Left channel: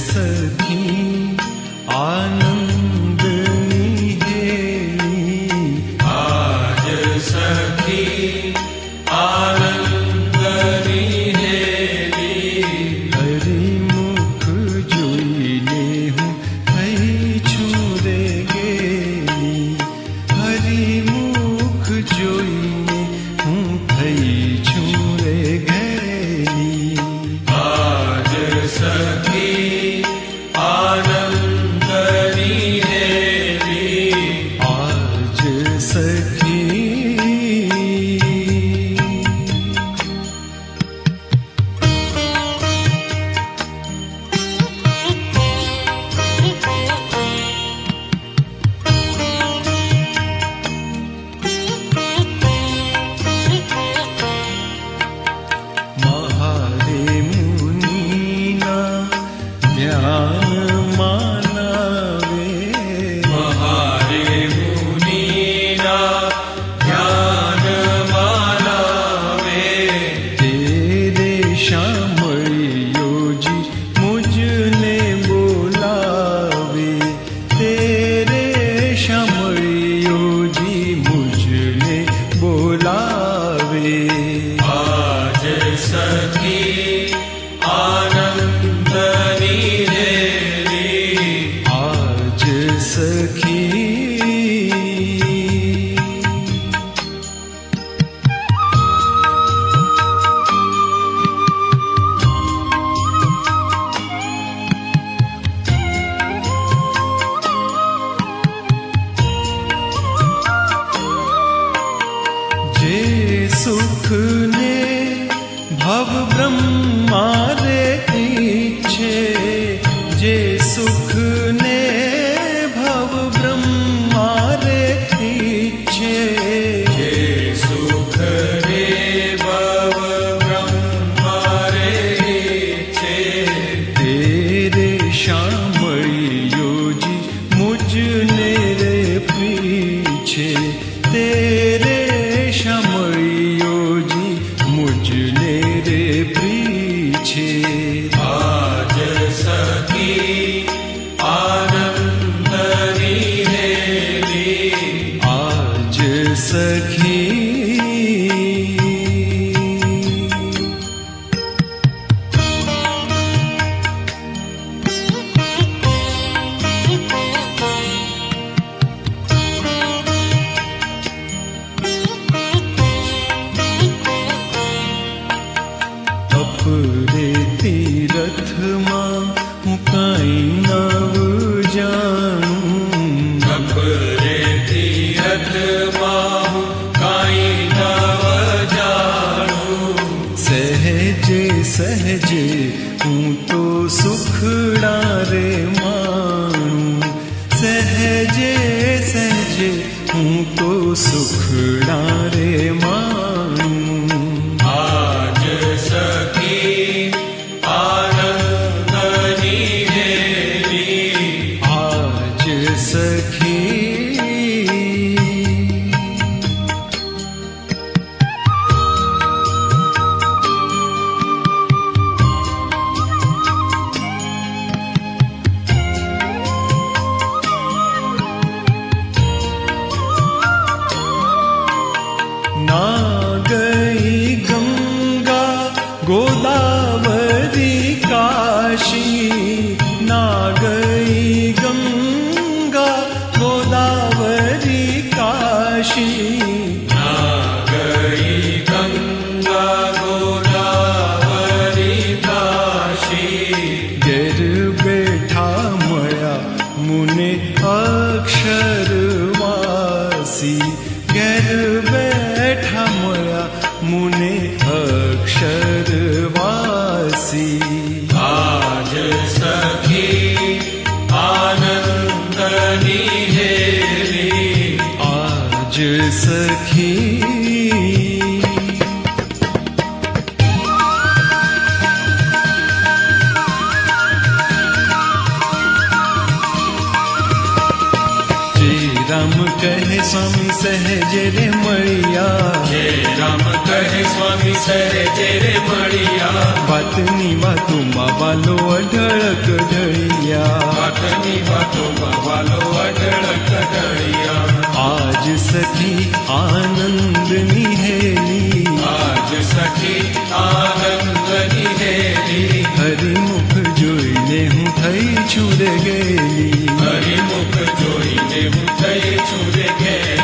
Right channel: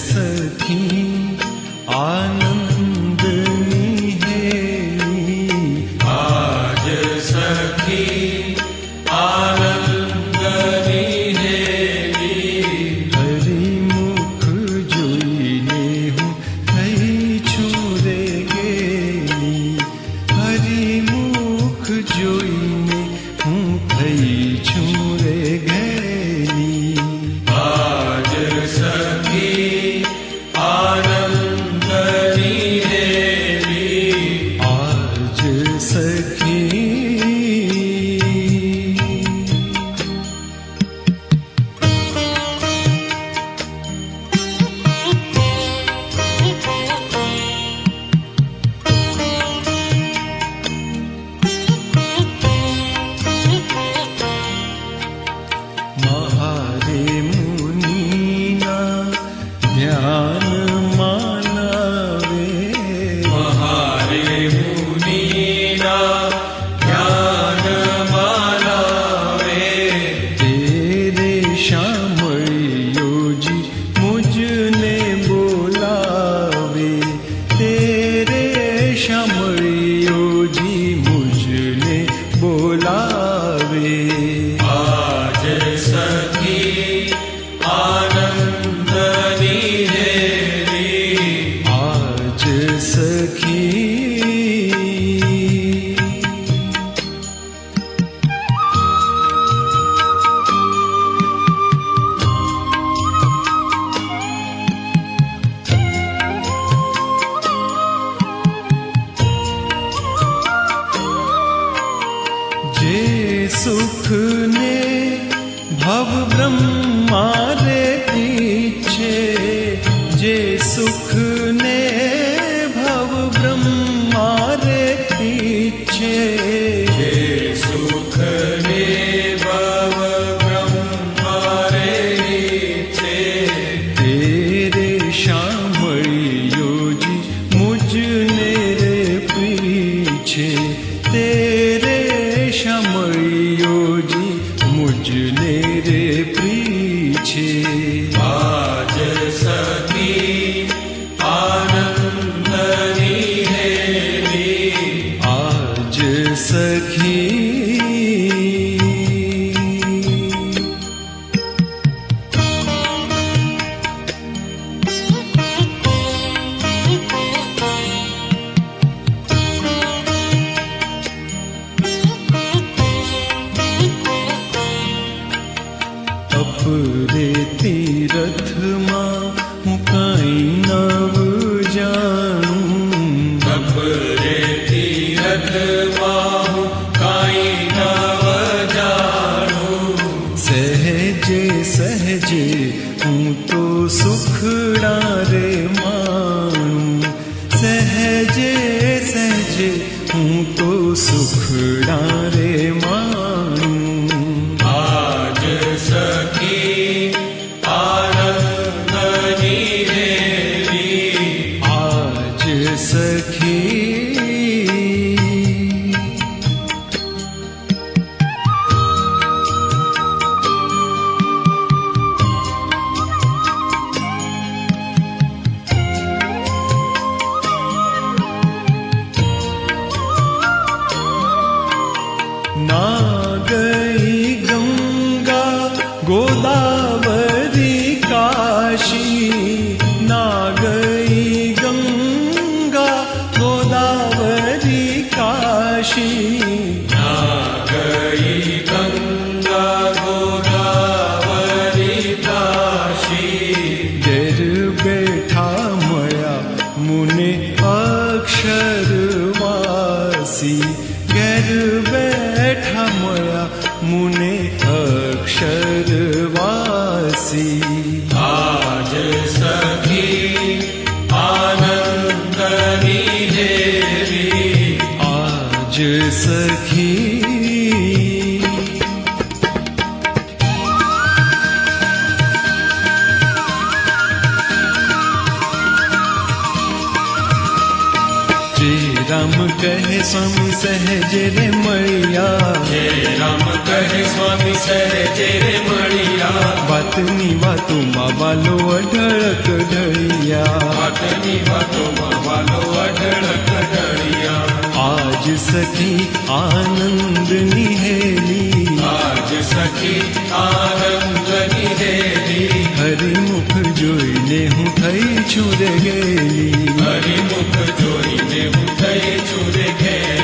सखी आनंद निहेली, आज सखी आनंद निहेली। हरि मुख जोईले हूँ થઈ છુરે ગેલી, હરિ મુખ જોઈને હું થઈ છુરે ગેલી। आज सखी आनंद निहेली, आज सखी महारे मुनिना ध्यान मानावे, महारे मुनिना ध्यान मानावे। तेरे श्यामळियो जी मुझने बोलावे, तेरे श्यामळियो जी मुझने बोलावे। आज सखी आनंद निहेली, आज सखी जे सुख ने भव ब्रह्मा रे पीछे, जे सुख ने भव ब्रह्मा रे पीछे। हे सुख ने भव ब्रह्मा रे नीचे। तेरे श्यामळियो जी मुझने रे पीछे, तेरे श्यामळियो जी मुझने रे पीछे। आज सखी आनंद निहेली, आज सखी अपरे तीरथमा હું કાંઈ નવ જાણું, अपरे तीरथમાં હું કાંઈ નવ જાણું। સહેજે સહેજે હું તો સુખડા રે માણું, સહેજે સહેજે હું તો સુખડા રે માણું। आज सखी आनंद निहेली, आज सखी ना गई गंगा गोदावरी काशी, ना गई गंगा गोदावरी काशी। ना गई गंगा गोदावरी काशी। घेर बैठा मया मुने अक्षरवासी, घेर बैठा मया मुने अक्षरवासी। आज सखी आनंद निहेली, आज सखी तेरा રામ કહે સ્વામી સહેજ રે મળ્યા, જય રામ કહે સ્વામી સહેજે રે મળ્યા, વાતની વાતોમાં વાલો અઢળક ઢળિયા, વાતની વાતોમાં વાલો અઢળક ઢળિયા, આજ સખી આનંદની હેલી, આજ સખી આનંદની હેલી, હરિમુખ જોઈને હું થઈ છું રે ગેલી, હરિમુખ જોઈને હું થઈ છું રે ઘેલી.